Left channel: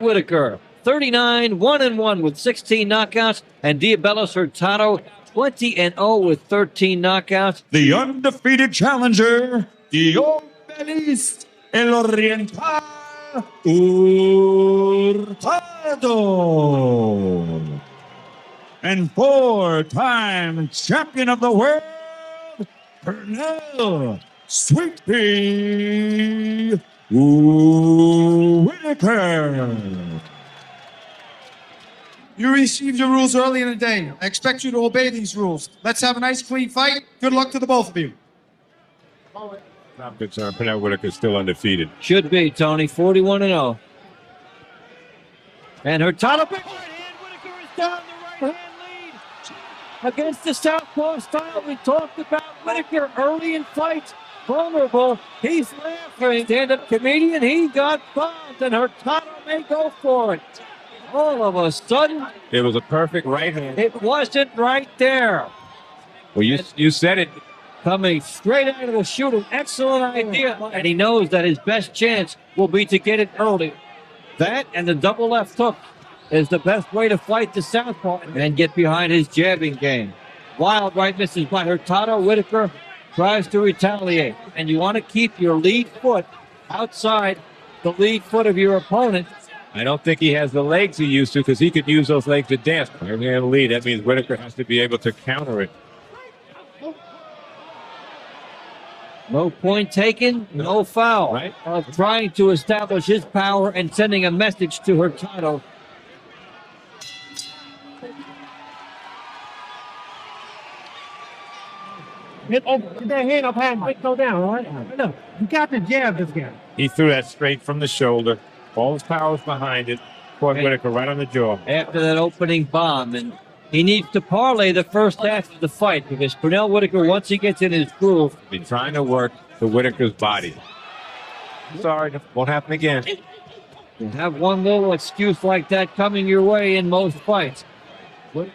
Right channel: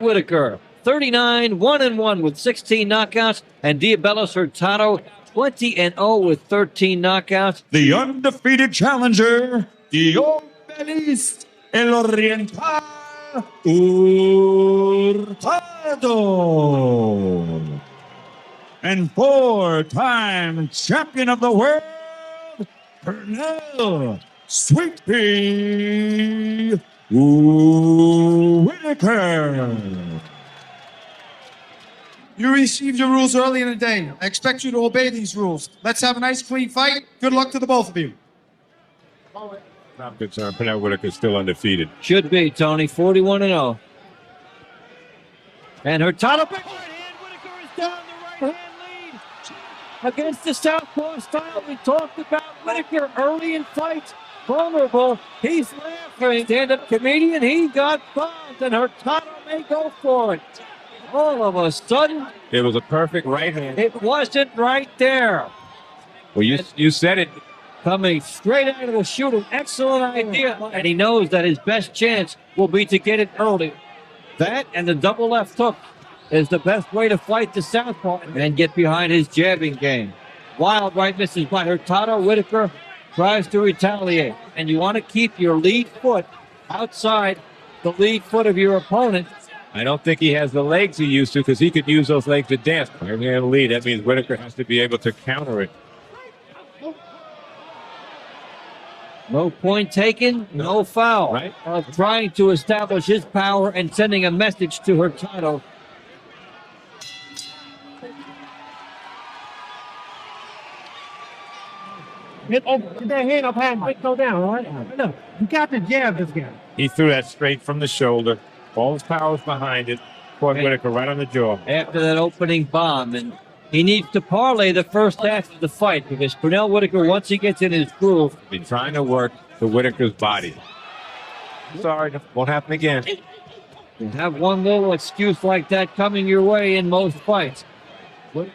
Whitaker, 39, 1-1 with 16 knockouts, and Diosbelys Hurtado, 20-0 with 13 knockouts. The undefeated challenger, Diosbelys Hurtado. And four-time champion of the world, Pernell Whitaker. You received your rules early in the day. I expect you to obey these rules. Let's have a nice, clean fight. Good luck to the both of you. Not concerned. Pernell Whitaker is still undefeated. Should be, Tony, 41-0. And Hurtado, big right hand. Whitaker is down the right hand lead against the southpaw style. We talked about Whitaker early in fights. Vulnerable. He's laughing. Stand-up comedian. He got bombed, and Hurtado may go for it. All of a sudden, It was a perfect right hand. it wasn't right there. Well, you said it. Coming straight out of the shoot, an excellent idea. And he knows that his best chance will be to get it early. That and the double left hook is the best way to fight the southpaw and get behind his jabbing game. Wild right misses by Hurtado. Whitaker tries to retaliate. And you want to keep your lead foot outside the lead foot of your opponent. I don't think he has the legs he used to because he could use those legs to dance. Right hand lead. That means Whitaker has to be able to counter it. No point taken, no foul. Right. Of trying to establish his power and sending a message to Hurtado. Get that hand up high and go down, all right? Look, you got to jab this guy. He threw that straight from the shoulder. All his power was behind it. Caught Whitaker right on the jaw. After that opening bomb, and he needs to parlay the first half of the fight because Pernell Whitaker, once he gets in his groove, Been trying to work to Whitaker's body. Sorry, won't happen again. you have one little excuse like that coming your way in most fights.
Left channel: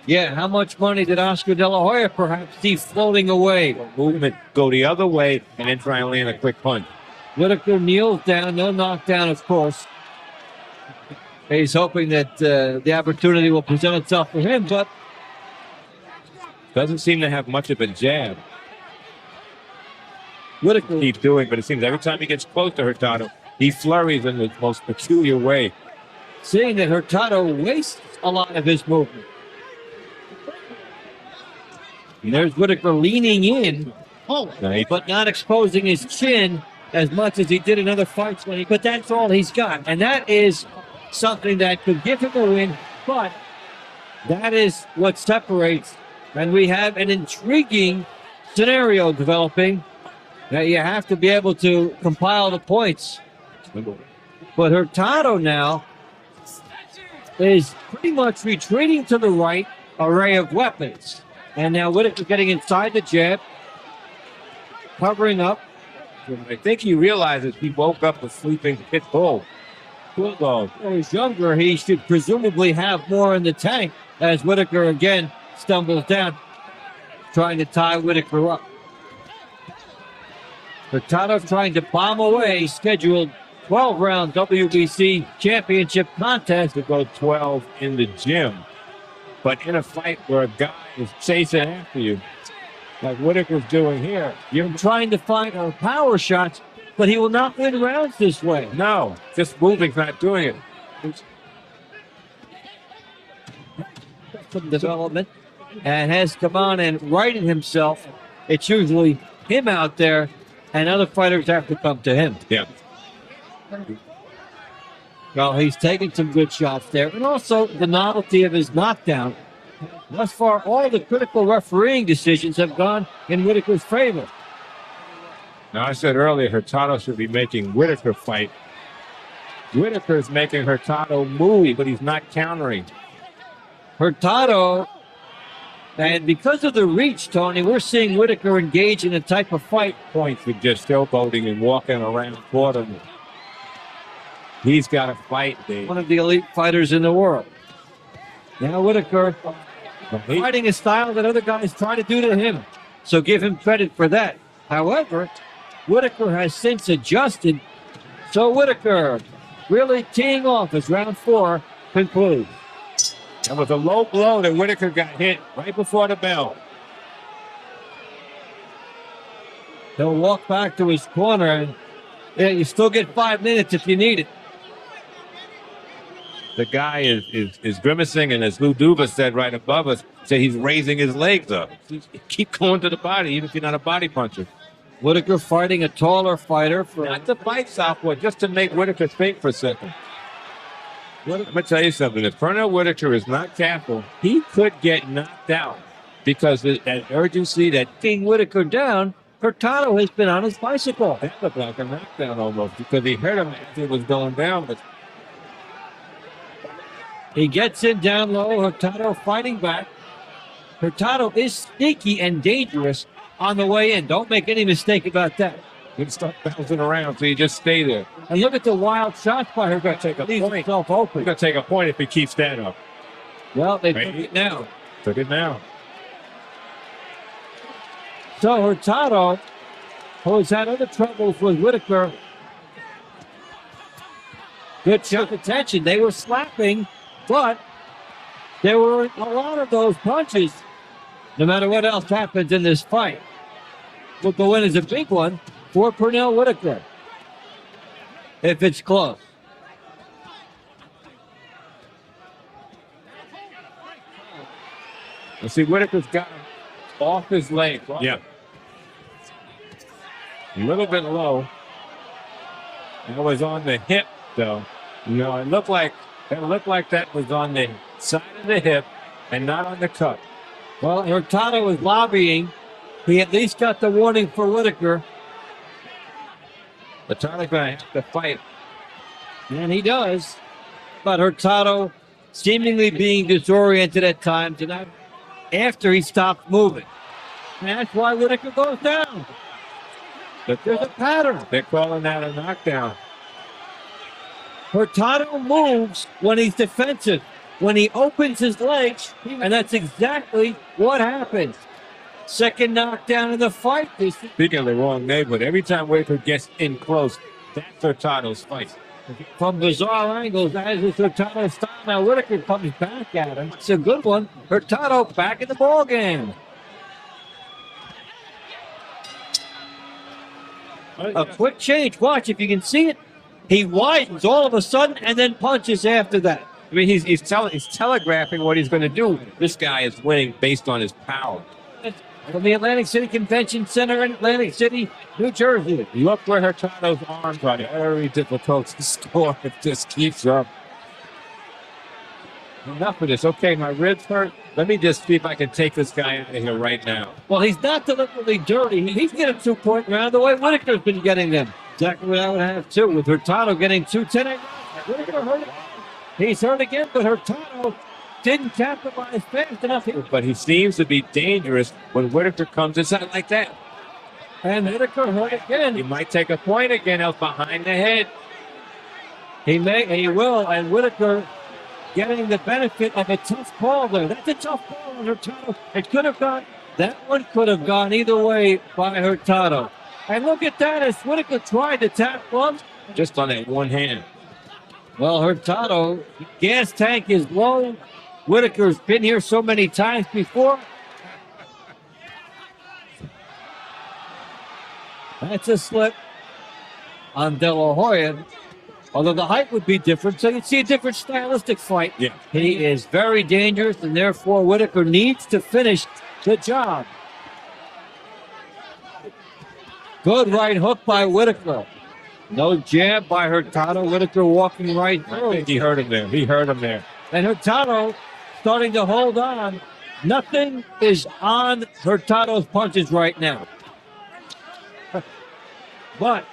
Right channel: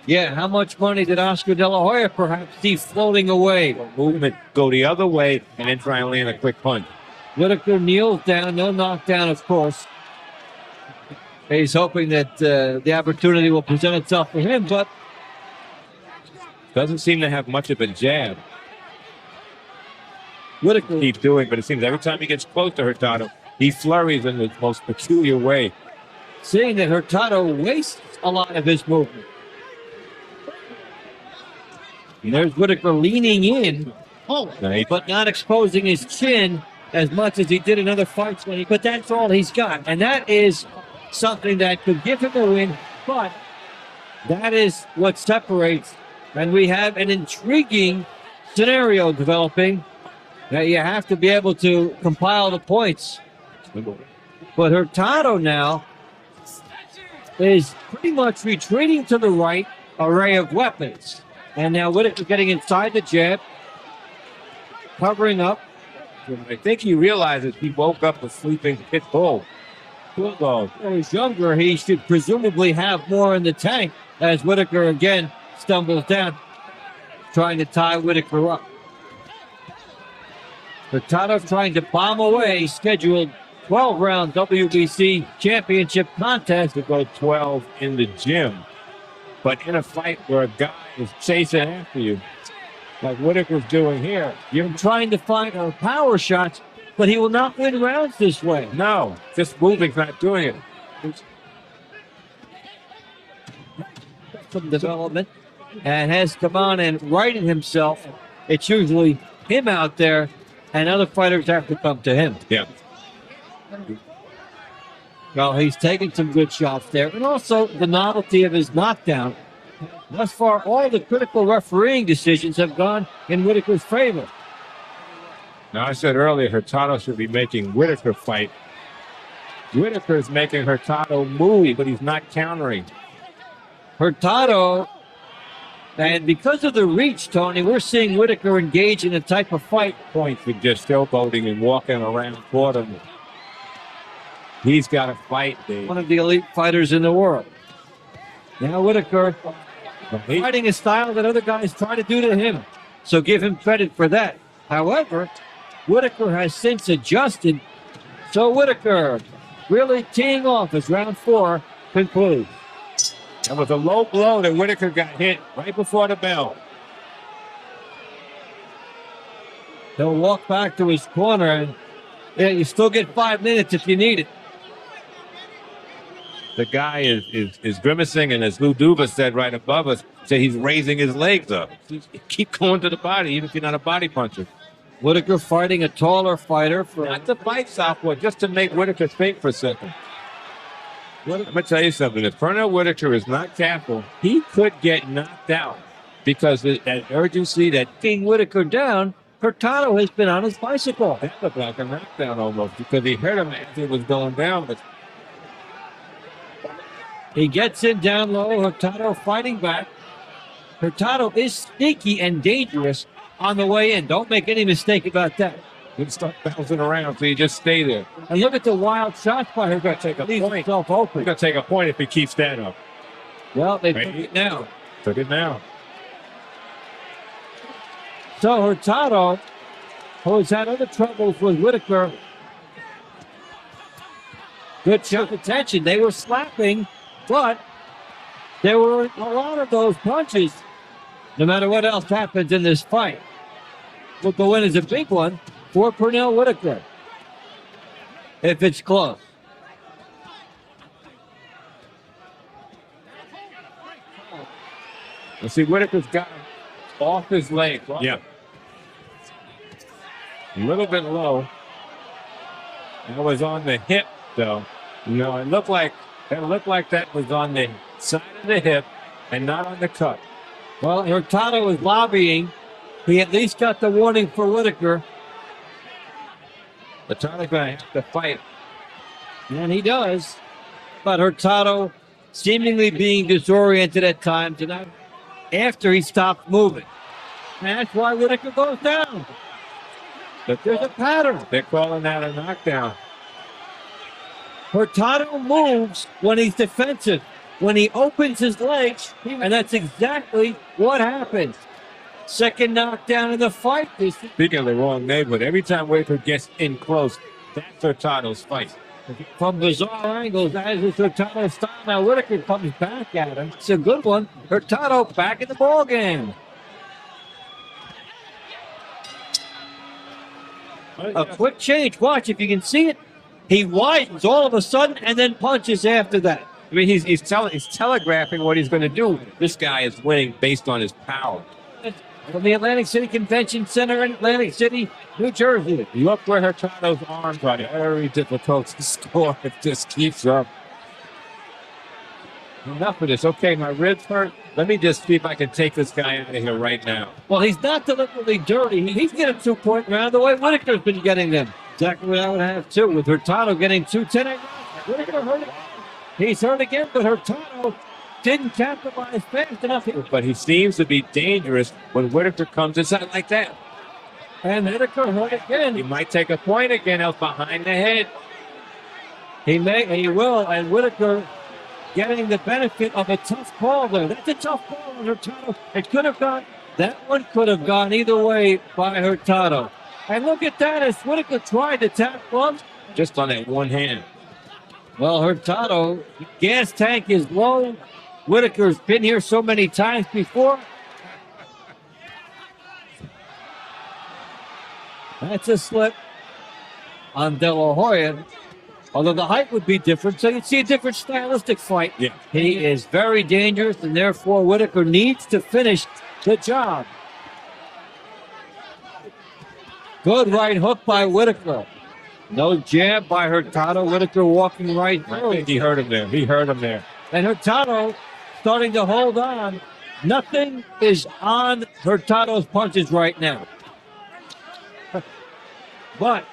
Yeah, how much money did Oscar De La Hoya perhaps see floating away? Movement, go the other way, and then try and land a quick punch. Whitaker kneels down, no knockdown, of course. He's hoping that the opportunity will present itself for him, but Doesn't seem to have much of a jab. Whitaker Keep doing, but it seems every time he gets close to Hurtado, he flurries in the most peculiar way. seeing that Hurtado wastes a lot of his movement. And there's Whitaker leaning in, Nice. but not exposing his chin as much as he did in other fights. But that's all he's got. And that is something that could give him a win, but that is what separates. And we have an intriguing scenario developing that you have to be able to compile the points. But Hurtado now is pretty much retreating to the right array of weapons. And now Whitaker getting inside the jab, covering up. I think he realizes he woke up a sleeping pit bull. Bulldog. When he's younger, he should presumably have more in the tank as Whitaker again stumbles down, trying to tie Whitaker up. Hurtado trying to bomb away scheduled 12-round WBC championship contest. To go 12 in the gym. But in a fight where a guy is chasing after you, like Whitaker's doing here, You're trying to find her power shots, but he will not win rounds this way. no, just moving, not doing it. Some development and has come on and righted himself. It's usually him out there, and other fighters have to come to him. Yeah. Well, he's taking some good shots there, and also the novelty of his knockdown. Thus far, all the critical refereeing decisions have gone in Whitaker's favor. Now, I said earlier, Hurtado should be making Whitaker fight. Whitaker's making Hurtado move, but he's not countering. Hurtado, and because of the reach, Tony, we're seeing Whitaker engage in a type of fight. Points with just showboating and walking around for him. He's got to fight, Dave. One of the elite fighters in the world. Now Whitaker fighting a style that other guys try to do to him. So give him credit for that. However, Whitaker has since adjusted. So Whitaker really teeing off as round 4 concludes. That was a low blow that Whitaker got hit right before the bell. He'll walk back to his corner, and yeah, you still get 5 minutes if you need it. The guy is grimacing, and as Lou Duva said right above us, said he's raising his legs up. Keep going to the body, even if you're not a body puncher. Whitaker fighting a taller fighter for Not to fight southpaw, just to make Whitaker think for a second. Let me tell you something. If Pernell Whitaker is not careful, he could get knocked out because that urgency, that King Whitaker down. Hurtado has been on his bicycle. that looked like a knockdown almost because he hurt him as it was going down. But He gets in down low. Hurtado fighting back. Hurtado is sneaky and dangerous on the way in. Don't make any mistake about that. he'd start bouncing around, so you just stay there. And look at the wild shots by He's Hurtado. got to take a Leaves point. himself He's open. going to take a point if he keeps that up. Well, they Right. took it now. Took it now. So Hurtado, who's had other troubles with Whitaker, good chunk of tension. They were slapping, but there were a lot of those punches. No matter what else happens in this fight, what the win is a big one for Pernell Whitaker. If it's close. You see, Whitaker's got him off his leg. Yeah. A little bit low. That was on the hip, though. No, it looked like that was on the side of the hip and not on the cup. Well, Hurtado is lobbying. He at least got the warning for Whitaker, Hurtado's going to have to fight. and he does. But Hurtado seemingly being disoriented at times, and that after he stopped moving. And that's why Whitaker goes down. But There's a pattern. they're calling that a knockdown. Hurtado moves when he's defensive, when he opens his legs, and that's exactly what happens. Second knockdown in the fight. Speaking of the wrong neighborhood, every time Whitaker gets in close, that's Hurtado's fight. From bizarre angles, as is Hurtado's style. Now Whitaker comes back at him. It's a good one. Hurtado back in the ball game. A quick change. Watch if you can see it. He widens all of a sudden and then punches after that. I mean, he's telegraphing what he's going to do. This guy is winning based on his power. From the Atlantic City Convention Center in Atlantic City, New Jersey. Look where Hurtado's arms are. Very difficult to score. It just keeps up. Enough of this. Okay, my ribs hurt. Let me just see if I can take this guy out of here right now. Well, he's not deliberately dirty. He's getting 2-point round the way Whitaker's been getting them. Exactly what I would have too, with Hurtado getting 2-10. Whitaker hurt again. He's hurt again, but Hurtado didn't capitalize fast enough here. But he seems to be dangerous when Whitaker comes inside like that. And Whitaker hurt again. He might take a point again out behind the head. He will, and Whitaker getting the benefit of a tough call there. That's a tough call on Hurtado. It could have gone, that one could have gone either way by Hurtado. And look at that, as Whitaker tried to tap one. Just on that one hand. Well, Hurtado, gas tank is low. Whitaker's been here so many times before. That's a slip on De La Hoya. Although the height would be different, so you'd see a different stylistic fight. Yeah. He is very dangerous, and therefore Whitaker needs to finish the job. Good right hook by Whitaker. No jab by Hurtado. Whitaker walking right I through. think he hurt him there. He hurt him there. And Hurtado starting to hold on. Nothing is on Hurtado's punches right now. But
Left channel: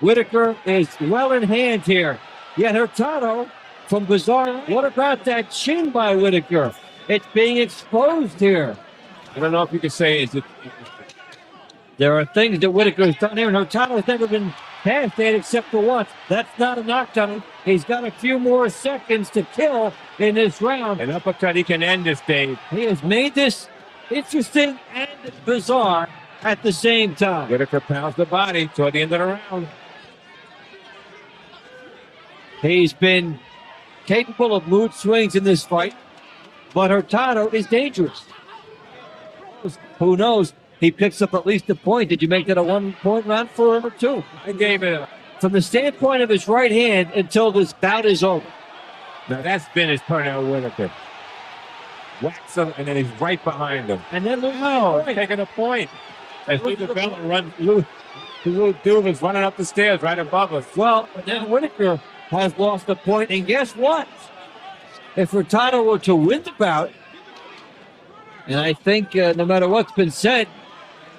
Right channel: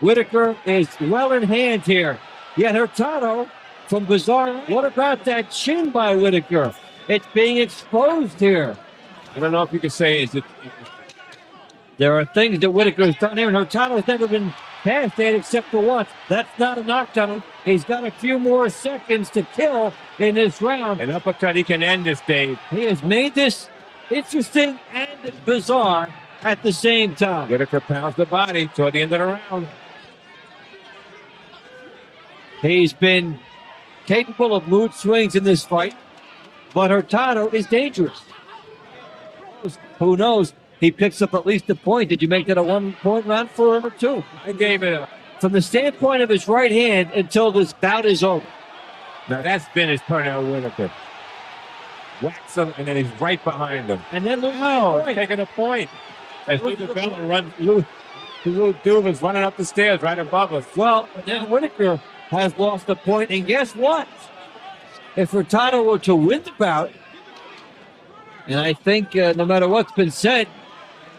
Whitaker is well in hand here. Yet Hurtado, from bizarre, what about that chin by Whitaker? It's being exposed here. I don't know if you could say is it. There are things that Whitaker has done here, and Hurtado's never been past that except for once. That's not a knockdown. He's got a few more seconds to kill in this round. An uppercut, he can end this, Dave. He has made this interesting and bizarre at the same time. Whitaker pounds the body toward the end of the round. He's been capable of mood swings in this fight, but Hurtado is dangerous. Who knows? He picks up at least a point. Did you make that a 1 point round for him or two? I gave it a. From the standpoint of his right hand until this bout is over. Now that's finished Pernell Whitaker. Whacks him, and then he's right behind him. And then Taking a point. As Lou Duva's running up the stairs right above us. well, then Whitaker has lost a point, and guess what? If Hurtado were to win the bout, and I think no matter what's been said,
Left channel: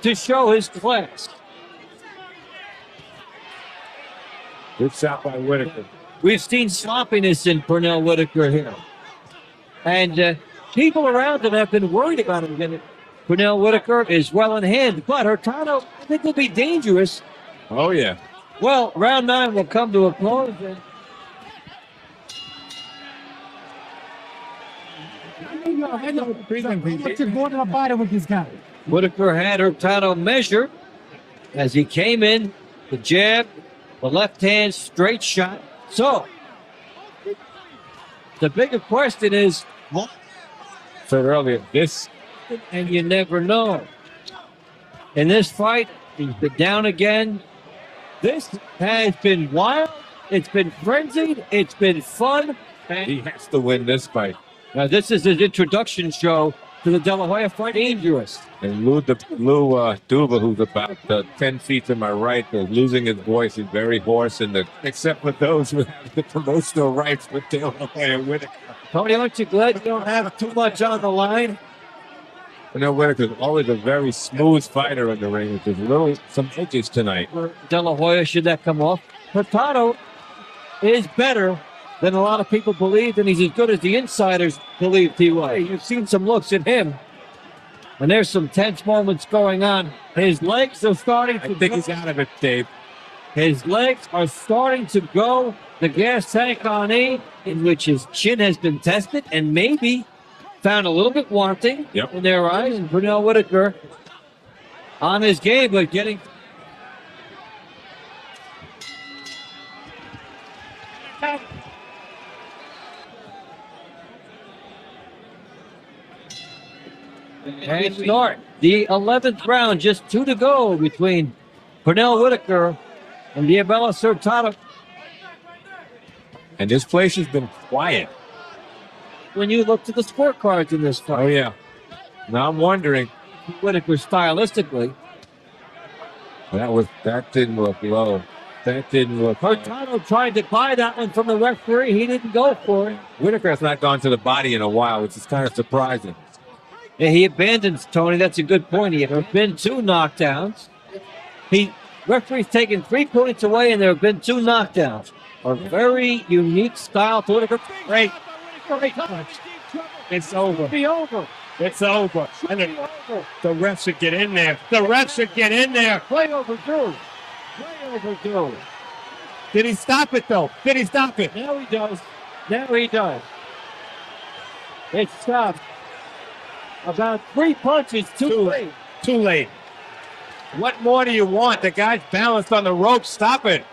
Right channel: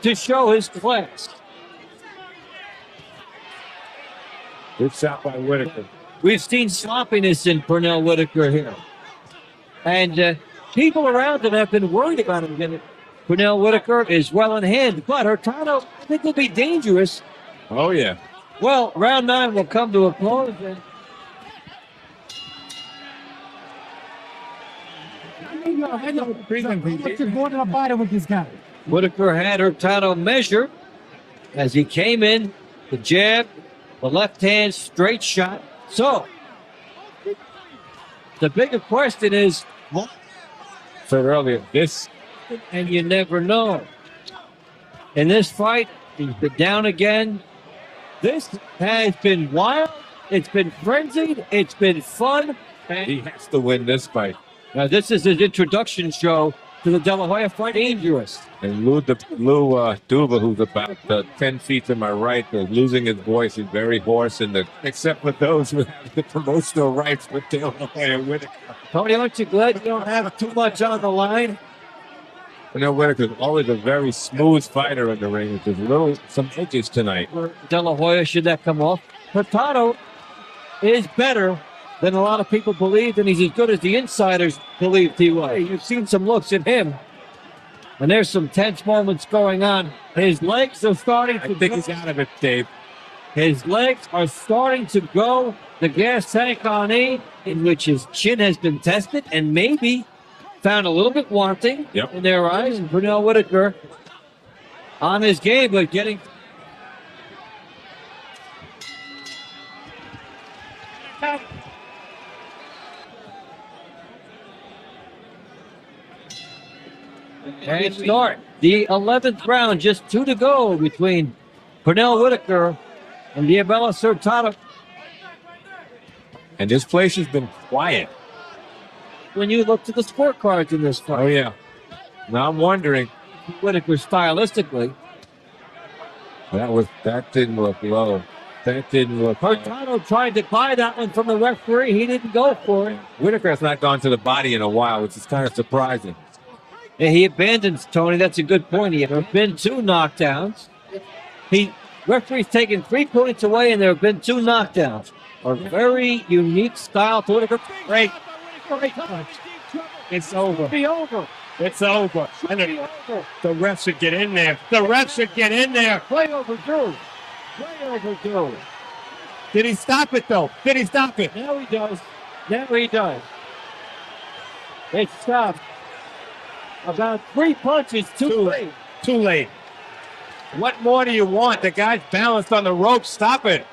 to show his class. Good shot by Whitaker. We've seen sloppiness in Pernell Whitaker here. And people around him have been worried about him getting it. Pernell Whitaker is well in hand, but Hurtado, I think, will be dangerous. Oh, yeah. Well, round 9 will come to a close. More than a fighter with this guy. Whitaker had Hurtado measured as he came in, the jab, the left hand straight shot. So, the bigger question is, what? Said earlier, this. And you never know. In this fight, he's been down again. This has been wild. It's been frenzied. It's been fun. And He has to win this fight. now this is his introduction show to the De La Hoya fight. Dangerous. And Lou Duva, who's about 10 feet to my right, is losing his voice. He's very hoarse, and except for those with the promotional rights with De La Hoya Whitaker. Tony, what you don't have too much on the line. Whitaker's always a very smooth fighter in the ring. There's really some edges tonight. De La Hoya, should that come off? Hurtado is better than a lot of people believed, and he's as good as the insiders believed he was. You've seen some looks at him, and there's some tense moments going on. His legs are starting to I think he's out of it, Dave. His legs are starting to go. The gas tank on E, in which his chin has been tested and maybe found a little bit wanting in their eyes. And Pernell Whitaker on his game, but getting. And start the 11th round, just 2 to go between Pernell Whitaker and Diosbelys Hurtado. And this place has been quiet. When you look to the scorecards in this fight, Oh, yeah. Now I'm wondering. Whitaker stylistically, That didn't look low. That didn't look low. Hurtado tried to buy that one from the referee. He didn't go for it. Whitaker has not gone to the body in a while, which is kind of surprising. Yeah, he abandons Tony. That's a good point. He have been 2 knockdowns. Referee's taken 3 points away, and there have been 2 knockdowns. A very unique style to Whitaker. Great. It's over. Be over. It's over. And the refs should get in there. The refs should get in there. Way overdue. Way overdue. Did he stop it, though? Did he stop it? Now he does. Now he does. It's stopped. About 3 punches too late. Too late. What more do you want? The guy's balanced on the rope. Stop it.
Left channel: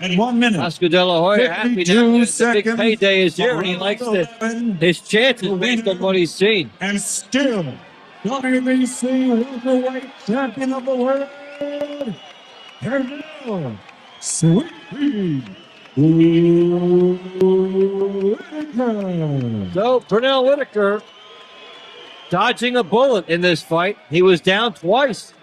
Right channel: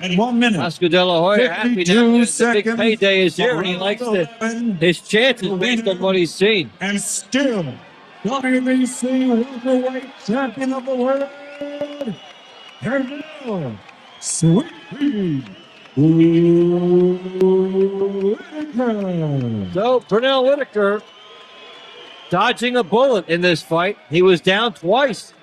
And 1 minute. Oscar De La Hoya happy 52 now. The big seconds. payday is here, and he likes his chances based on what he's seen. And still, WBC welterweight champion of the world, Pernell Sweet Whitaker. So Pernell Whitaker dodging a bullet in this fight. He was down twice.